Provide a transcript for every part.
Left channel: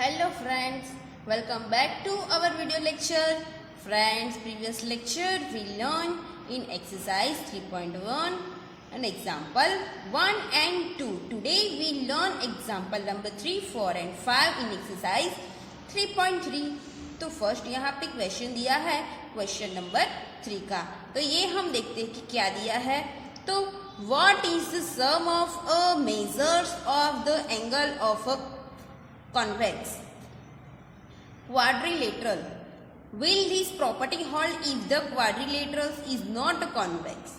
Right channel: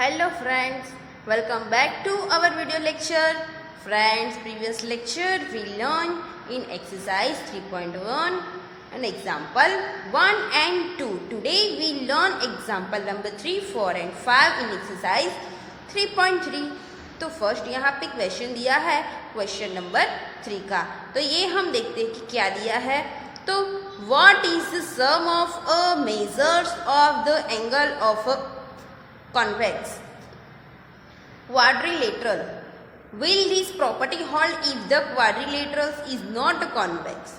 Hello friends, welcome back to our video lecture. Friends, previous lecture we learned in exercise 3.1 and example 1 and 2. Today we learn example number 3, 4 and 5 in exercise 3.3. तो first यहाँ पे question दिया है question number 3 का। तो ये हम देखते हैं कि क्या दिया है। तो what is the sum of a measures of the angle of a convex quadrilateral? Will this property hold if the quadrilateral is not convex?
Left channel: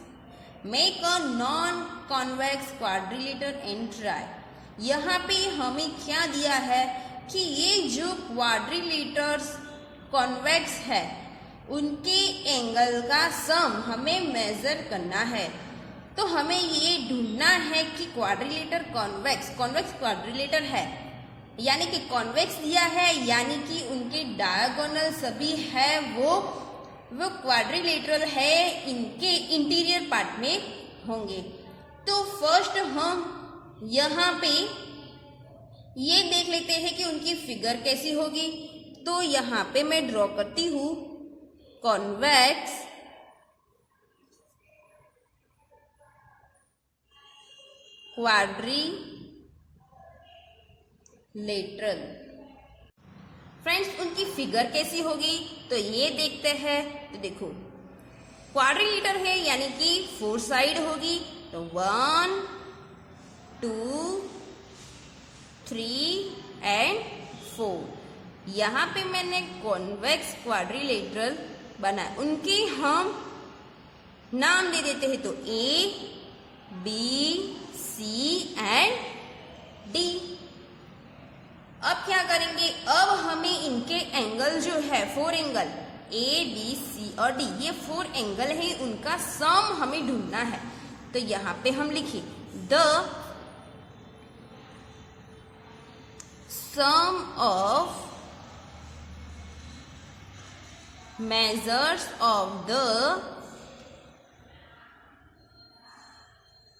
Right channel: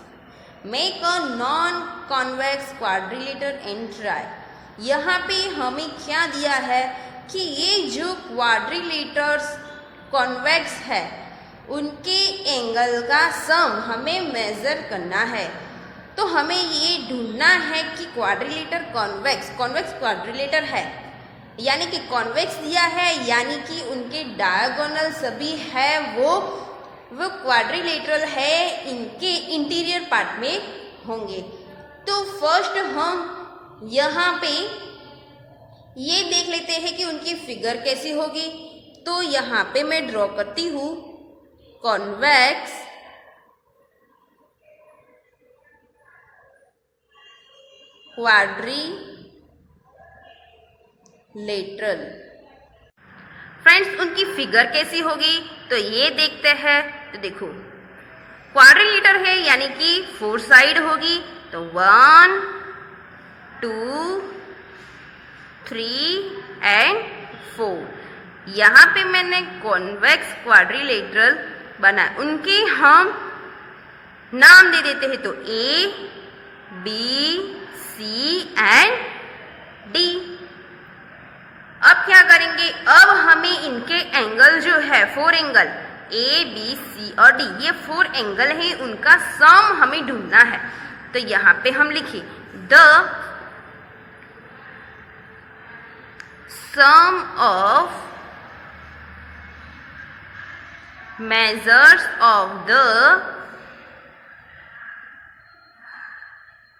Make a non-convex quadrilateral and try. यहाँ पे हमें क्या दिया है कि ये जो क्वाड्रिलेटर्स कॉन्वेक्स है उनके एंगल का सम हमें मेजर करना है। तो हमें ये ढूंढना है कि क्वाड्रिलेटर कॉन्वेक्स क्वाड्रिलेटर है, यानी कि कॉन्वेक्स दिया है, यानी कि उनके डायगोनल सभी है वो क्वाड्रिलेटरल है, इनके इंटीरियर पार्ट में होंगे। तो फर्स्ट हम यहाँ पे ये देख लेते हैं कि उनकी फिगर कैसी होगी। तो यहाँ पे मैं ड्रॉ करती हूँ कॉन्वेक्स क्वाड्रिलेटरल। फ्रेंड्स, उनकी फिगर कैसी होगी तो ये देखते हैं। तो देखो क्वाड्रिलेटर है यानी कि 4 साइड होगी। तो 1 2 3 एंड 4। यहाँ पे मैंने कॉन्वेक्स क्वाड्रिलेटरल बनाया, उनके हम नाम दे देते हैं। तो A B C and D। अब क्या करेंगे, अब हमें इनके एंगल जो है 4 एंगल A B C और D, ये 4 एंगल है, उनका सम हमें ढूंढना है। तो यहाँ पे हम लिखे the sum of measures of the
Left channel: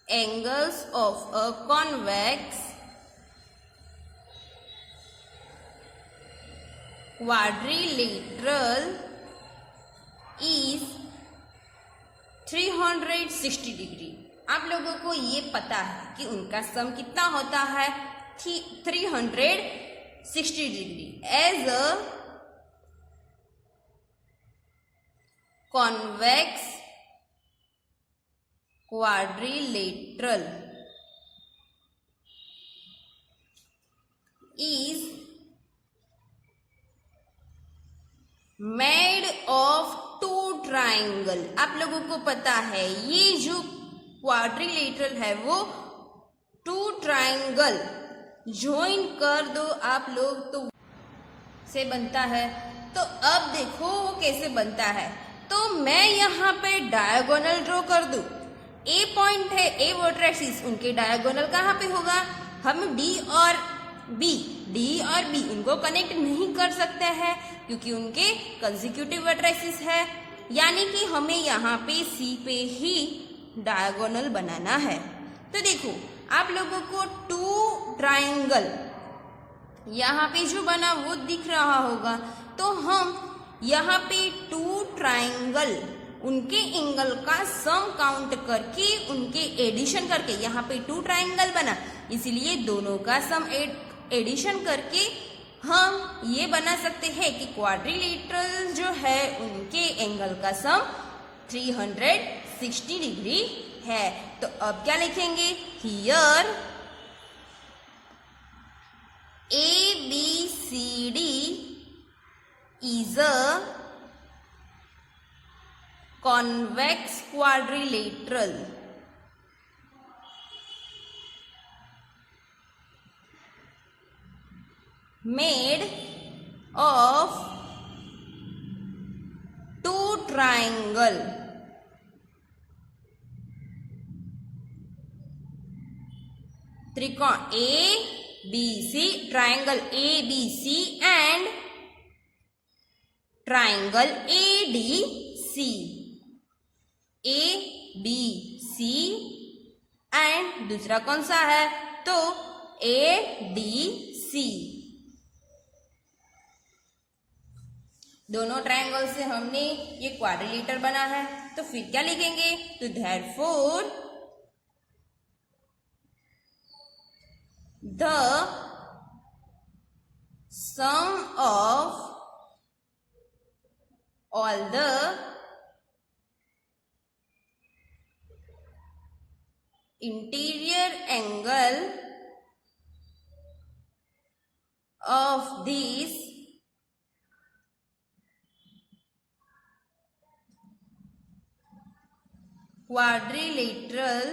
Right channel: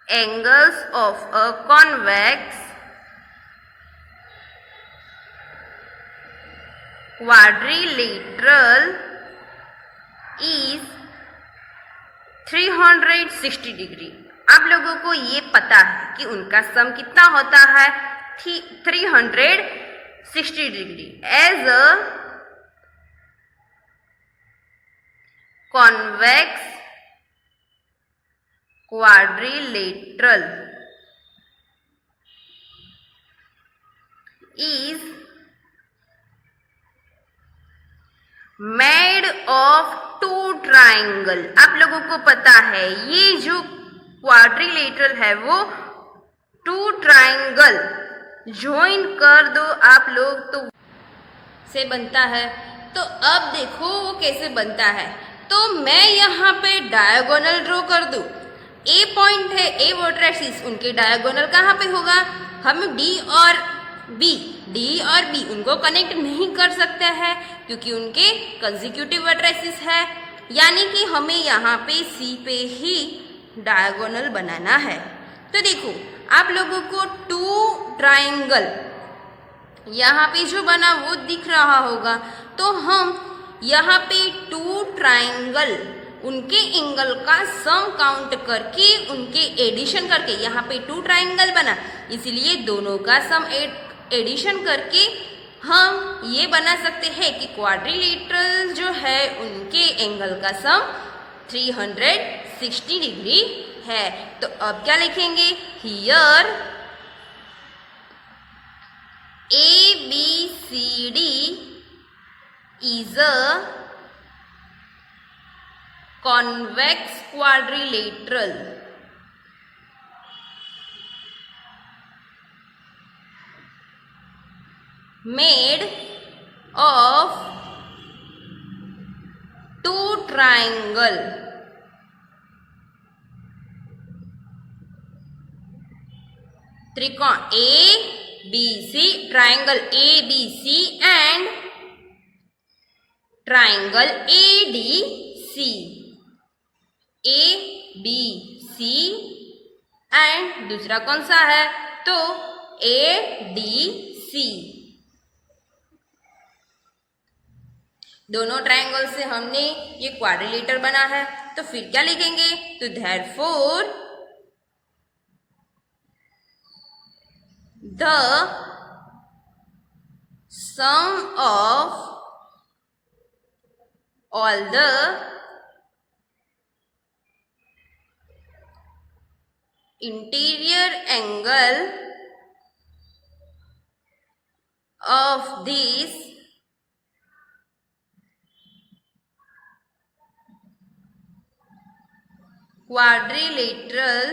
angles of a convex quadrilateral is 360 degree. आप लोगों को ये पता है कि उनका सम कितना होता है 360 degree. As a convex quadrilateral is made of 2 triangle। आप लोगों को पता है ये जो क्वाड्रिलेटरल है वो 2 ट्राइंगल ज्वाइन कर दो आप लोग तो से बनता है। तो अब देखो वो कैसे बनता है। तो मैं यहाँ पे डायगोनल ड्रॉ कर दूं। ए पॉइंट है, ए वर्टेक्सिस, उनके डायगोनल कहाँ पे होगा। हम डी और बी उनको कनेक्ट नहीं कर सकते हैं क्योंकि उनके कंसेक्यूटिव वर्टेक्सिस है, यानी कि हमें यहाँ पे सी पे ही डायगोनल बनाना है। तो देखो आप लोगों को 2 ट्राइंगल यहाँ पे जो बना वो दिख रहा होगा। तो हम यहाँ पे 2 ट्राइंगल उनके एंगल का सम काउंट करके उनके एडिशन करके यहाँ पे 2 ट्राइंगल बना, इसलिए दोनों का सम एडिशन करके हम ये बना सकते हैं कि क्वाड्रिलेटरल जो है उनके एंगल का सम 360 डिग्री है। तो अब क्या लिखेंगे, here ABCD is a convex quadrilateral made of 2 triangle त्रिकोण ABC, triangle ABC and triangle ADC, ABC and दूसरा कौन सा है तो ADC। दोनों ट्रायंगल से हमने ये क्वाड्रिलेटर बना है, तो फिर क्या लिखेंगे? तो therefore the sum of all the interior angle of these quadrilateral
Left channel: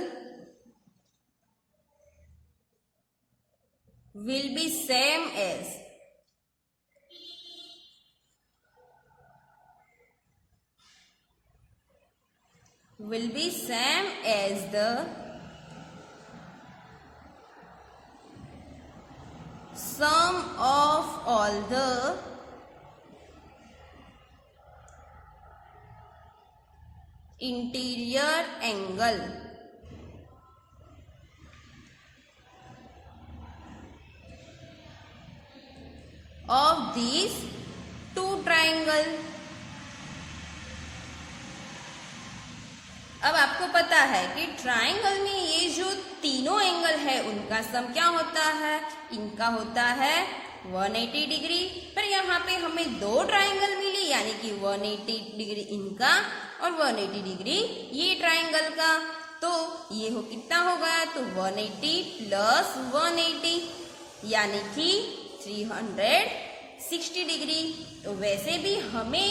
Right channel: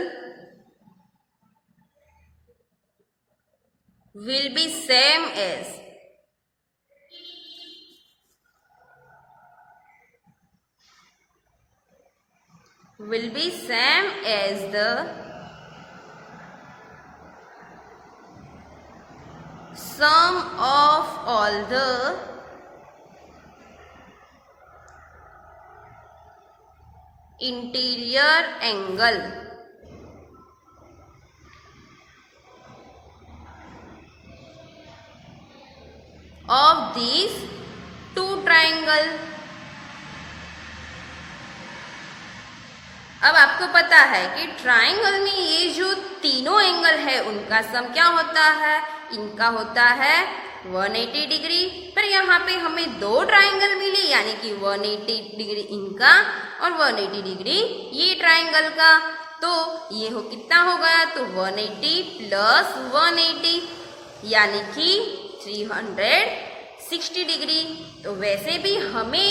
will be same as the sum of all the interior angle of these two triangle। अब आपको पता है कि ट्राइंगल में ये जो तीनों एंगल है उनका सम क्या होता है? इनका होता है 180 डिग्री। पर यहाँ पे हमें दो ट्राइंगल मिले, यानी कि 180 डिग्री इनका और 180 डिग्री ये ट्राइंगल का। तो ये कितना हो गया? तो 180 प्लस 180 यानी कि 360 डिग्री। तो वैसे भी हमें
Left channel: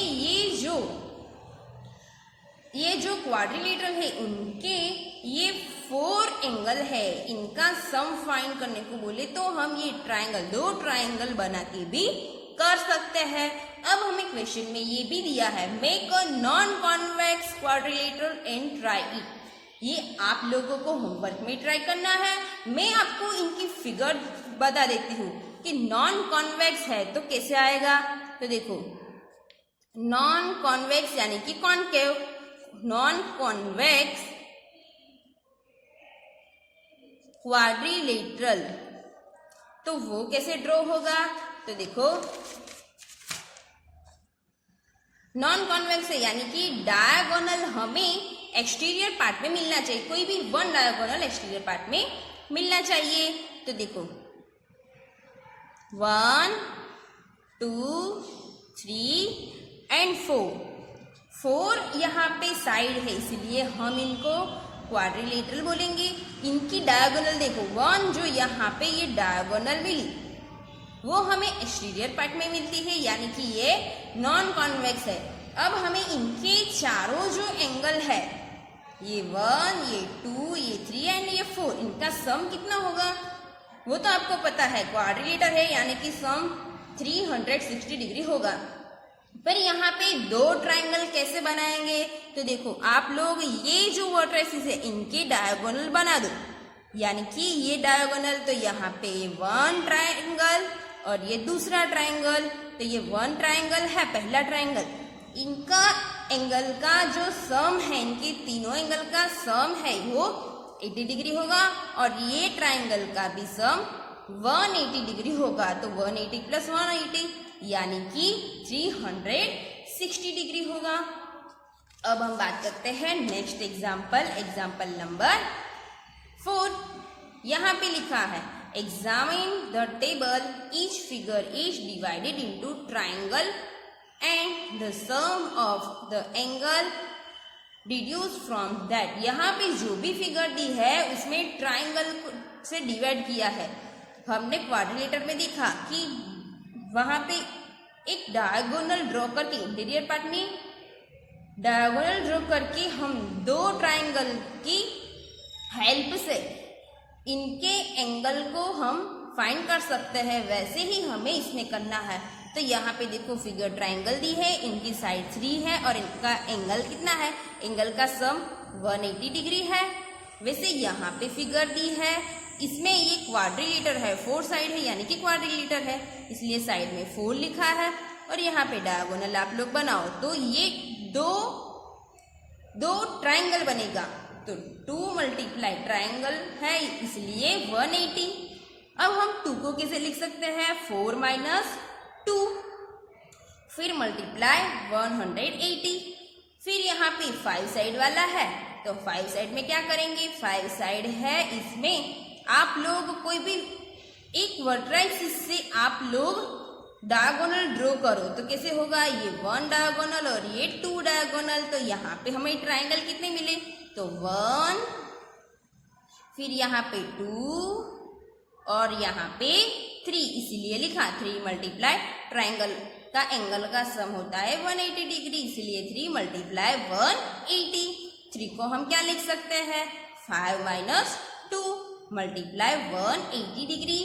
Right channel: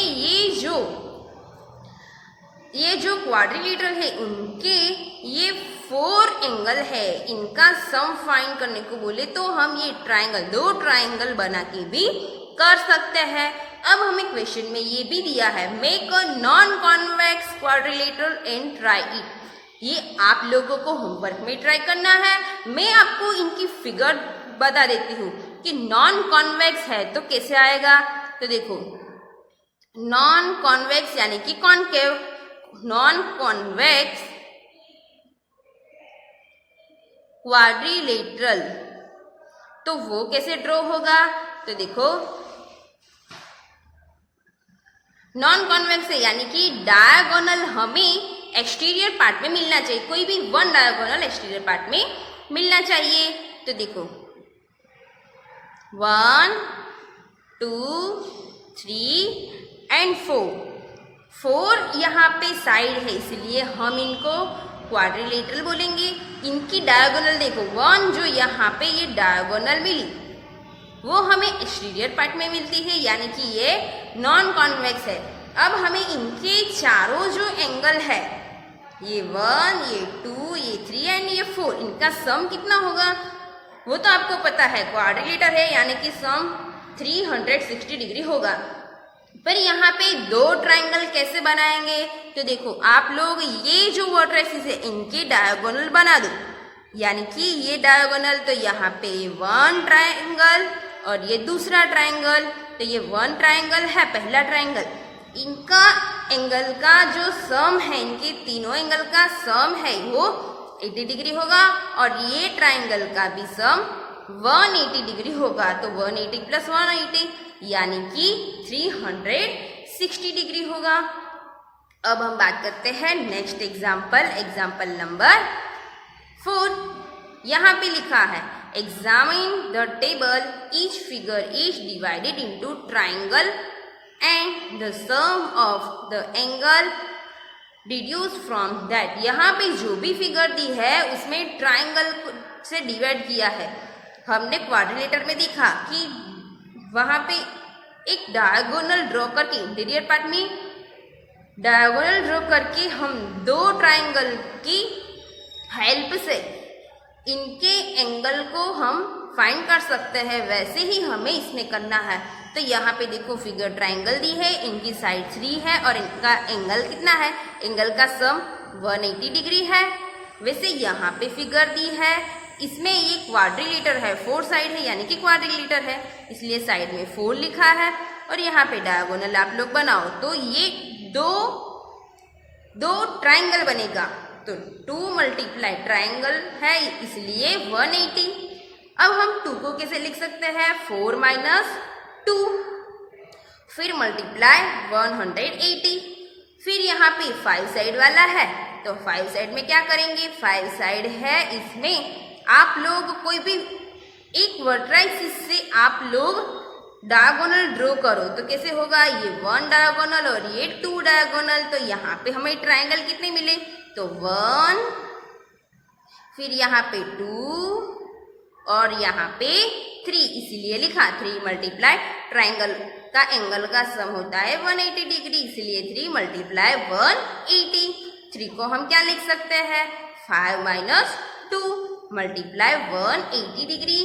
ये जो क्वाड्रिलेटरल है उनके ये 4 एंगल है, इनका सम फाइंड करने को बोले तो हम ये ट्राइंगल, दो ट्राइंगल बना के भी कर सकते हैं। अब हमें क्वेश्चन में ये भी दिया है, make a non convex quadrilateral and try it. ये आप लोगों को होमवर्क में ट्राई करना है। मैं आपको इनकी फिगर बता देती हूँ कि नॉन कॉन्वेक्स है तो कैसे आएगा। तो देखो, नॉन कॉन्वेक्स यानी कि कॉन्केव, नॉन कॉन्वेक्स क्वाड्रिलेटरल, तो वो कैसे ड्रॉ होगा? तो देखो, नॉन कॉन्वेक्स है यानी कि डायगोनल हमें एक्सटीरियर पार्ट में मिलना चाहिए, कोई भी वन डायगोनल एक्सटीरियर पार्ट में मिलना चाहिए। तो देखो 1 2 3 एंड 4 यहाँ पे साइड है, इसलिए हम इनको क्वाड्रिलेटरल बोलेंगे। इनकी डायगोनल देखो, 1 जो यहाँ पे ये डायगोनल मिली वो हमें एक्सटीरियर पार्ट में मिलती है, यानी कि ये नॉन कॉन्वेक्स है। अब हमें इनके चारों जो एंगल है, ये 1 ये 2 ये 3 एंड ये 4, इनका सम कितना होगा वो तो आपको पता है, क्वाड्रिलेटर है यानी कि सम 360 डिग्री होगा। पर यहाँ पे दो ट्राइंगल कैसे बनाएंगे? तो देखो, आप लोग ये जो वर्टिसेस है इनके डायगोनल बना दो, यानी कि ये डायगोनल, तो यहाँ पे 1 ट्राइंगल और ये दूसरा ट्राइंगल, तो ये 1 ट्राइंगल है पहला ट्राइंगल। इनका एंगल का जो सम है, इनके तीनों एंगल का सम है वो 80 डिग्री होगा, और ये ट्राइंगल का भी सम 180 डिग्री होगा। तो 180 प्लस 180 यानी कि 360 डिग्री होगा। अब हम बात करते हैं नेक्स्ट एग्जाम्पल नंबर 4। यहाँ पे लिखा है, examine the table, each figure is divided into triangle and the sum of the angle deduce from that. यहाँ पे जो भी फिगर दी है उसमें ट्राइंगल से डिवाइड किया है। हमने क्वाड्रिलेटर में देखा कि वहाँ पे एक डायगोनल ड्रॉ करके, इंटीरियर पार्ट में डायगोनल ड्रॉ करके हम दो ट्राइंगल की हेल्प से इनके एंगल को हम फाइंड कर सकते हैं। वैसे ही हमें इसमें करना है। तो यहाँ पे देखो, फिगर ट्राइंगल दी है, इनकी साइड 3 है और इनका एंगल कितना है? एंगल का सम 180 डिग्री है। वैसे यहाँ पे फिगर दी है, इसमें ये क्वाड्रिलेटर है, 4 साइड है यानी कि क्वाड्रिलेटर है, इसलिए साइड में 4 लिखा है। और यहाँ पे डायगोनल आप लोग बनाओ तो ये दो ट्राइंगल बनेगा। तो 2 मल्टीप्लाई ट्राइंगल है इसलिए 180। अब हम 2 को कैसे लिख सकते हैं? 4 माइनस 2। फिर मल्टीप्लाई 180। फिर यहाँ पे 5 साइड वाला है तो 5 साइड में क्या करेंगे, 5 साइड है इसमें आप लोग कोई भी एक वर्टेक्स से आप लोग डायगोनल ड्रॉ करो तो कैसे होगा, ये 1 डायगोनल और ये 2 डायगोनल। तो यहाँ पे हमें ट्राइंगल कितने मिले, तो 1, फिर यहाँ पे 2 और यहाँ पे 3, इसीलिए लिखा 3 मल्टीप्लाई ट्राइंगल का एंगल का सम होता है 180 डिग्री, इसलिए 3 मल्टीप्लाई 180। 3 को हम क्या लिख सकते हैं, 5 माइनस 2 मल्टीप्लाई 180 डिग्री।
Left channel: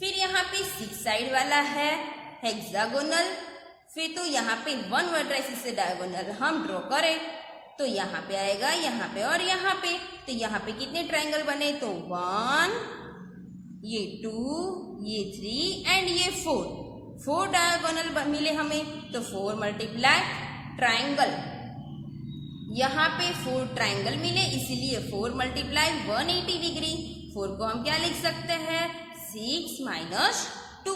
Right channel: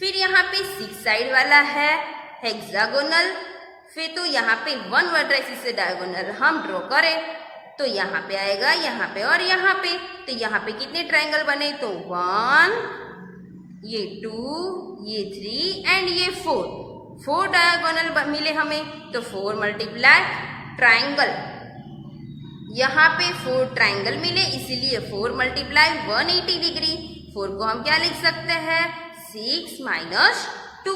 फिर यहाँ पे 6 साइड वाला है हेक्सागोनल, फिर तो यहाँ पे 1 वर्टेक्स से डायगोनल हम ड्रॉ करें तो यहाँ पे आएगा, यहाँ पे और यहाँ पे। तो यहाँ पे कितने ट्राइंगल बने, तो 1, ये 2, ये 3 एंड ये 4 डायगोनल मिले हमें। तो 4 मल्टीप्लाई ट्राइंगल, यहाँ पे 4 ट्राइंगल मिले इसीलिए 4 मल्टीप्लाई 180 डिग्री। 4 को हम क्या लिख सकते हैं, 6 माइनस 2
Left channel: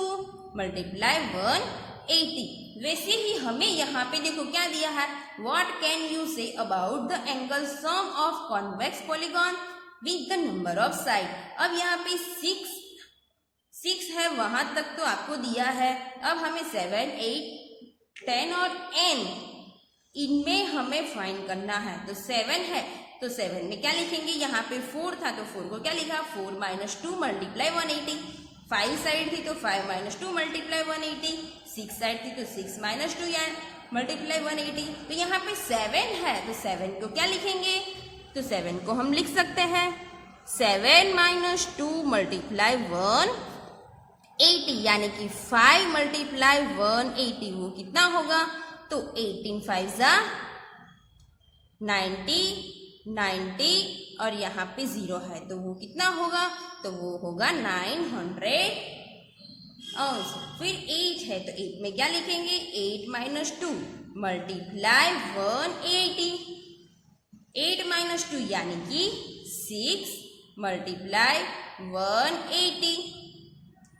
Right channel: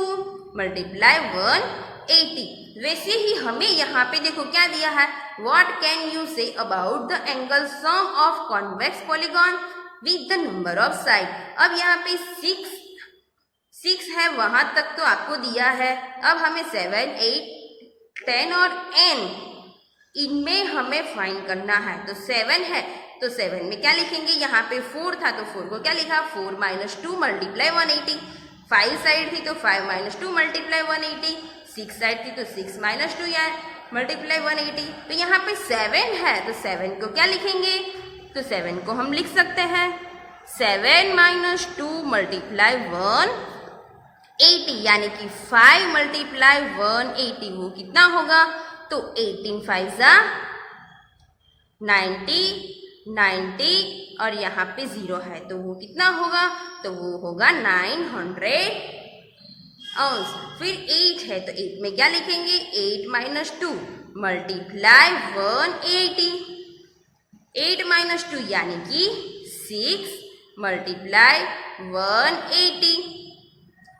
मल्टीप्लाई 180। वैसे ही हमें यहाँ पे देखो क्या दिया है, what can you say about the angle sum of convex polygon with the number of side. अब यहाँ पे 6 है, वहां तक तो आपको दिया है। अब हमें 7, 8, 10 और n इनमें हमें फाइंड करना है। तो 7 है तो 7 में क्या लिखेंगे, यहाँ पे 4 था तो 4 को क्या लिखा, 4 माइनस 2 मल्टीप्लाई 180। 5 साइड थी तो 5 माइनस 2 मल्टीप्लाई 180। 6 साइड थी तो 6 माइनस 2 या मल्टीप्लाई 180। तो यहाँ पे 7 है तो 7 को क्या लिखेंगे, तो 7 को हम लिख सकते हैं 7 माइनस 2 मल्टीप्लाई 180, यानी कि 5 मल्टीप्लाई 180 वो कितना होगा, तो 18 5 जा 90 और यहाँ पे 0 है तो वो कितना होगा, तो वो होगा 900 अंश। फिर 8 है तो 8 में क्या लिखेंगे, 8 माइनस 2 मल्टीप्लाई 180। 8 माइनस 2 यानी कि 6 मल्टीप्लाई 180।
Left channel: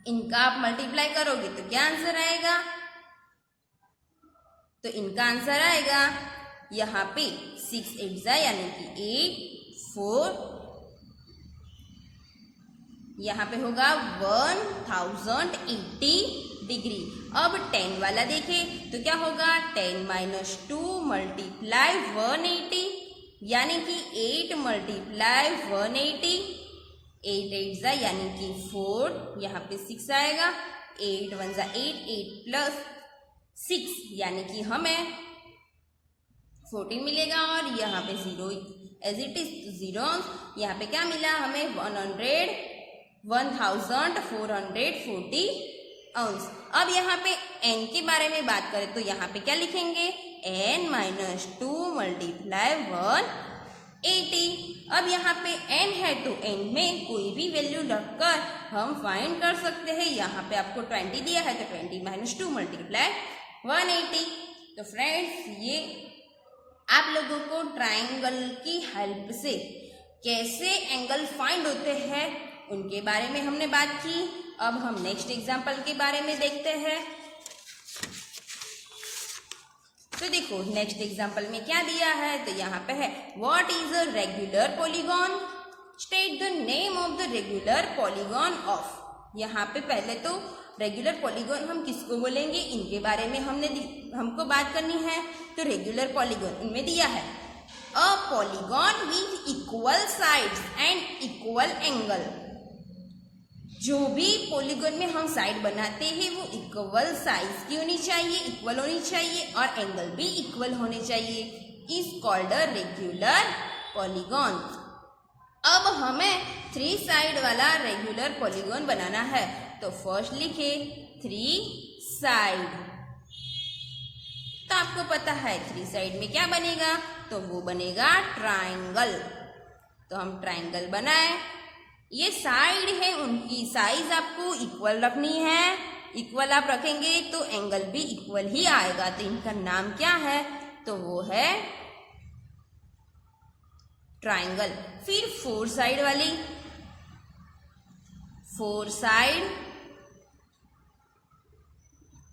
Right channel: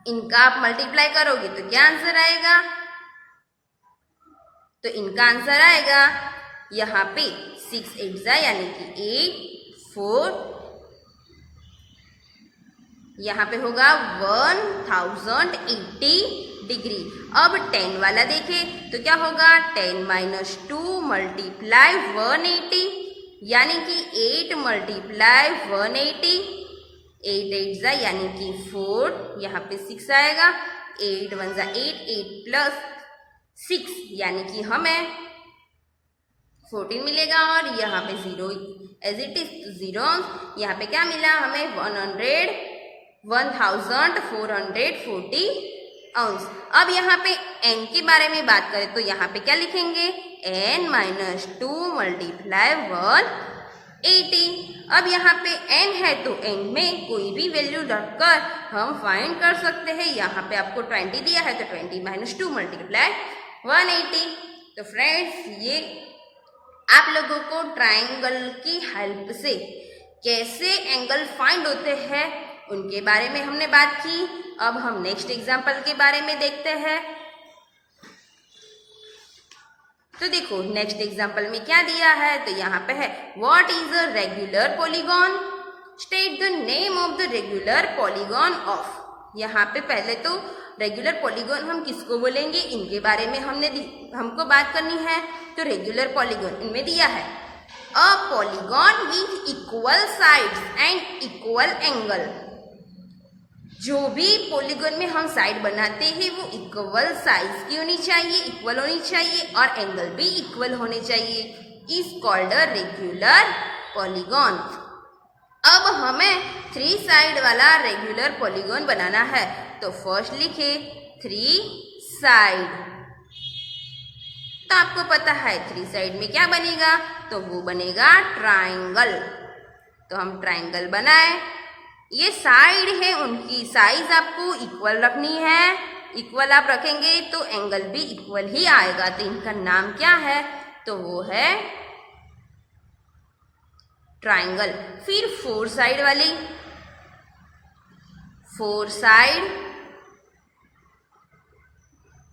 इनका आप मल्टीप्लाई करोगे तो क्या आंसर आएगा, तो इनका आंसर आएगा यहाँ पे 6 8 जा यानी कि 8 4, यहाँ पे होगा 1080 डिग्री। अब 10 वाला देखें तो क्या होगा, 10 माइनस 2 मल्टीप्लाई 180 यानी कि 8 मल्टीप्लाई 180। 8 8 जा यानी कि 4, यहाँ पे 6 आएगा। 8 1 जा 8, 8 प्लस 6 यानी कि हमें 14 मिलेगा और यहाँ पे 0 एज इट इज 0। यहाँ पे क्या मिला हमें, 1440 अंश। अब यहाँ पे n के बारे में बात करें तो यहाँ पे क्या लिखेंगे, n माइनस 2 मल्टीप्लाई 180। अब यहाँ पे n है तो n में कोई भी वैल्यू रखकर हम फाइंड कर सकते हैं। यहाँ पे आपको 20 दिया है तो 20 माइनस 2 मल्टीप्लाई 180। तो फ्रेंड्स ये आप लोगों को ट्राइंगल की हेल्प से कैसे एंगल फाइंड होते हैं उनके बारे में हमने बात की। अब हम नेक्स्ट एग्जांपल के बारे में देखते हैं। तो देखो नेक्स्ट एग्जांपल में क्या दिया है, तो यहाँ पे है what is a regular polygon, state the name of the regular polygon of. यहाँ पे पहले तो रेगुलर पॉलीगॉन हम किसको बोलेंगे इनके बारे में हमको बात करनी है। तो रेगुलर पॉलीगॉन इनमें दिया है a polygon with equal sides and equal angle. जो भी पॉलीगॉन में हम साइड बनाते हैं वो इक्वल साइज की होनी चाहिए, इक्वल होनी चाहिए और एंगल भी इक्वल होने चाहिए, is called a regular polygon. अब हमें 3 साइड वाला रेगुलर पॉलीगॉन बनाना है। तो फर्स्ट लिखे 3 साइड। तो आपको पता है 3 साइड में क्या बनेगा, तो वो बनेगा ट्राइंगल। तो हम ट्राइंगल बनाए, ये साइड है उनकी साइज आपको इक्वल रखनी है। इक्वल आप रखेंगे तो एंगल भी इक्वल ही आएगा। तो इनका नाम क्या है, तो वो है ट्राइंगल। फिर 4 साइड वाली, 4 साइड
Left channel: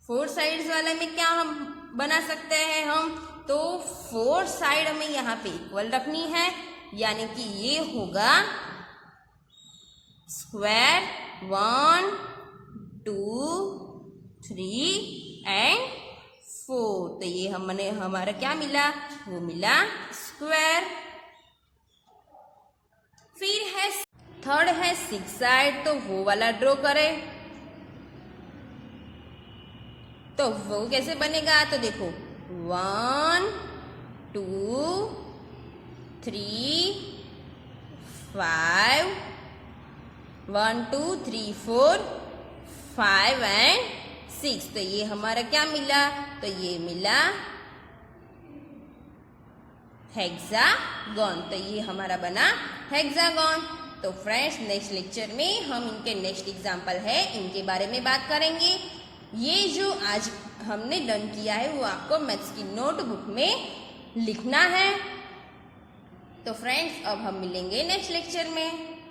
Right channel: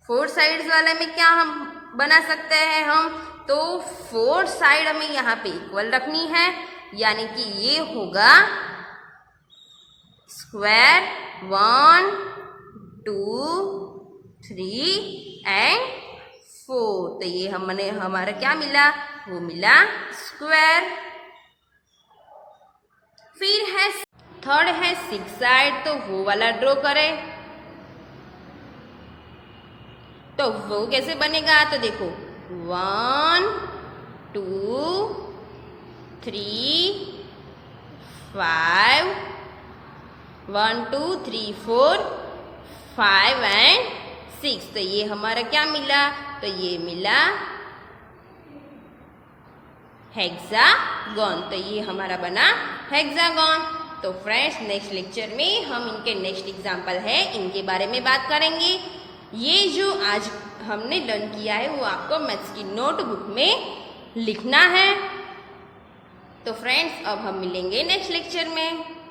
फोर साइड्स वाले में क्या हम बना सकते हैं हम, तो फोर साइड हमें यहाँ पे इक्वल रखनी है, यानी कि ये होगा स्क्वायर 1 2 3 एंड 4। तो ये हमने हमारा क्या मिला, वो मिला स्क्वायर। फिर है थर्ड है सिक्स साइड, तो वो वाला ड्रॉ करें। तो वो कैसे बनेगा, तो देखो 1 2 3 5 1 2 3 4 5 एंड 6। तो ये हमारा क्या मिला, तो ये मिला हेक्सागन। तो ये हमारा बना हेक्सागन। तो फ्रेंड्स नेक्स्ट लेक्चर में हम इनके नेक्स्ट एग्जाम्पल है इनके बारे में बात करेंगे। ये जो आज हमने लर्न किया है वो आपको मैथ्स की नोटबुक में लिखना है। तो फ्रेंड्स अब हम मिलेंगे नेक्स्ट लेक्चर में।